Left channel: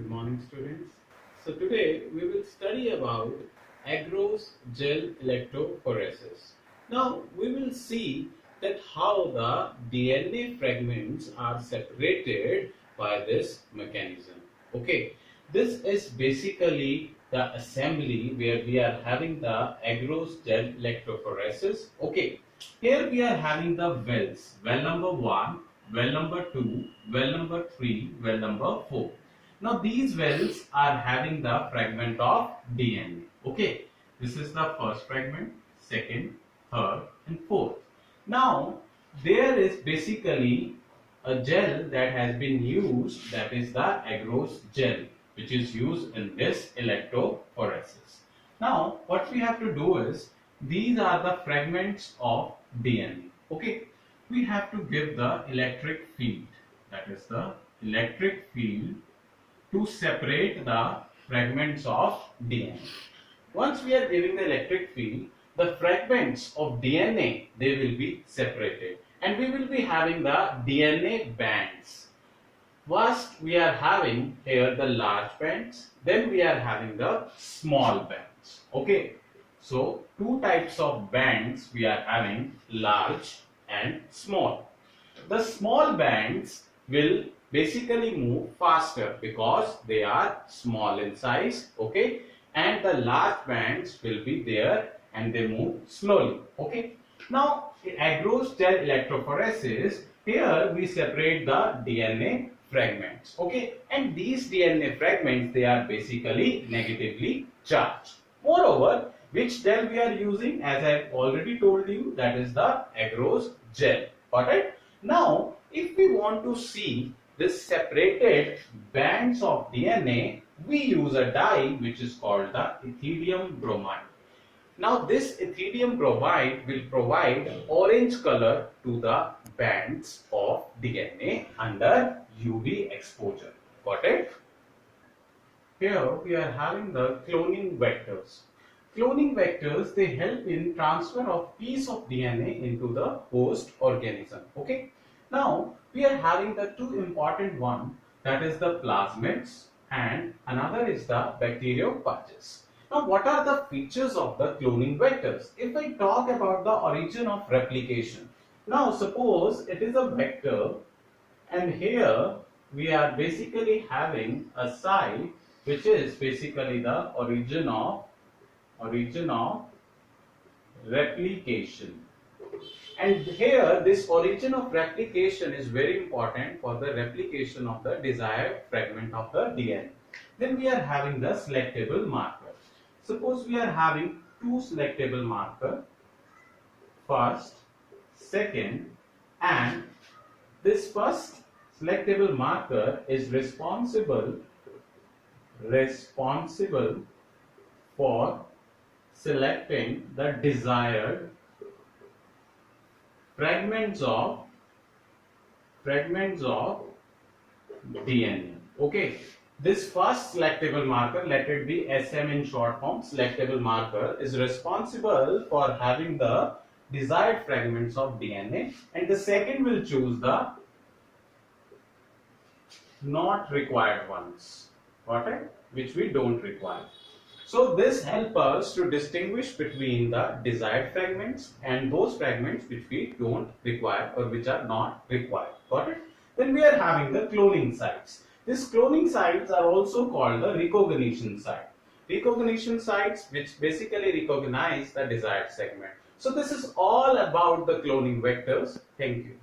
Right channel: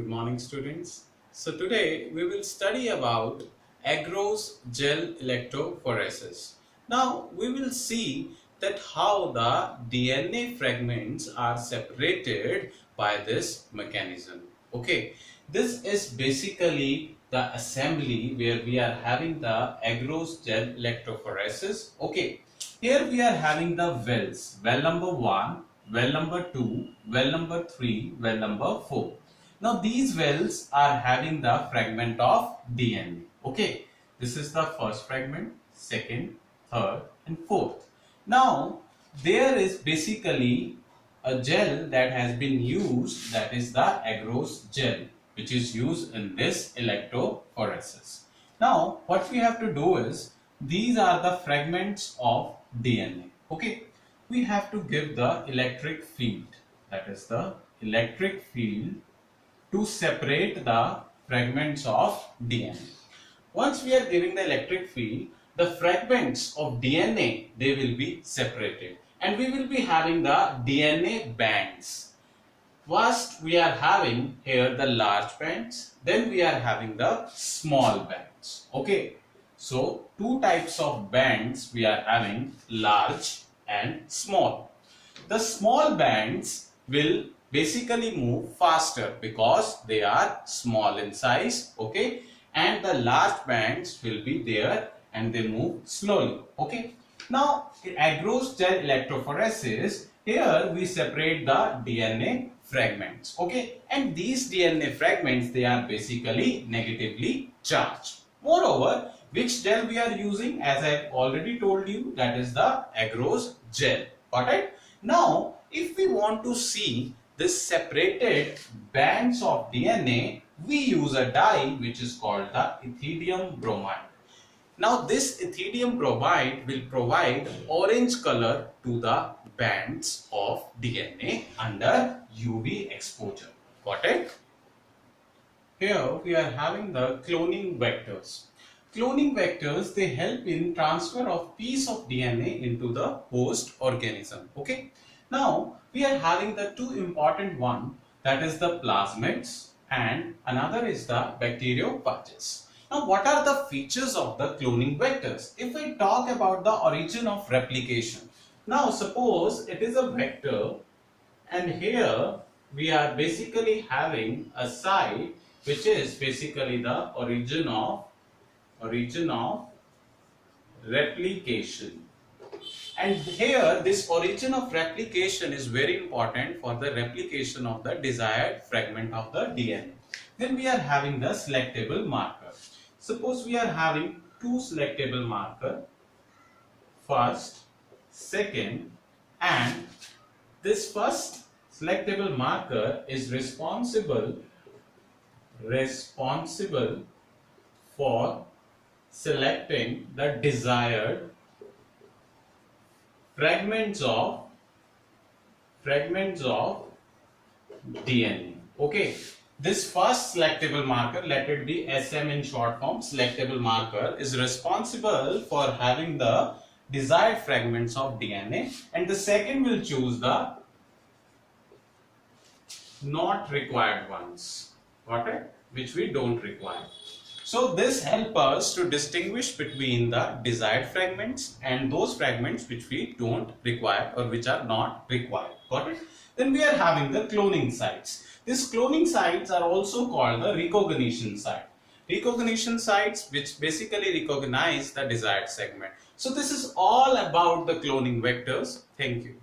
Good morning, students. So today we will study about agarose gel electrophoresis. Now we will see that how the DNA fragments are separated by this mechanism. Okay, this is basically the assembly where we are having the agarose gel electrophoresis. Okay, here we are having the wells. Well number 1, well number 2, well number 3, well number 4. Now these wells are having the fragment of DNA. Okay, this is the first fragment, second, third and fourth. Now there is basically a gel that has been used, that is the agarose gel, which is used in this electrophoresis. Now what we have to do is, these are the fragments of DNA. Okay, we have to give the electric field, that is the electric field, to separate the fragments of DNA. Once we are giving the electric field, the fragments of DNA, they will be separated and we will be having the DNA bands. First we are having here the large bands, then we are having the small bands. Okay, so two types of bands we are having, large and small. The small bands will basically move faster because they are small in size. Okay, and the large bands will be there and they move slowly. Okay, now in agarose gel electrophoresis, here we separate the DNA fragments. Okay, and these DNA fragments, they are basically negatively charged. Moreover, which gel we are using, as I already told you, that is the agarose gel. Got it? Now if we want to see this separated bands of DNA, we use a dye which is called the ethidium bromide. Now this ethidium bromide will provide orange color to the bands of DNA under UV exposure. Got it? Here we are having the cloning vectors. Cloning vectors, they help in transfer of piece of DNA into the host organism. Okay. Now we are having the two important one, that is the plasmids and another is the bacteriophages. Now what are the features of the cloning vectors? If I talk about the origin of replication, now suppose it is a vector and here we are basically having a site which is basically the origin of replication. And here this origin of replication is very important for the replication of the desired fragment of the DNA. Then we are having the selectable marker. Suppose we are having two selectable marker, first, second, and this first selectable marker is responsible for selecting the desired fragments of DNA. Okay, this first selectable marker, let it be SM in short form, selectable marker, is responsible for having the desired fragments of DNA, and the second will choose the not required ones. Got it? Which we don't require. So this helps us to distinguish between the desired fragments and those fragments which we don't require or which are not required. Got it? Then we are having the cloning sites. These cloning sites are also called the recognition site. Recognition sites which basically recognize the desired segment. So this is all about the cloning vectors. Thank you.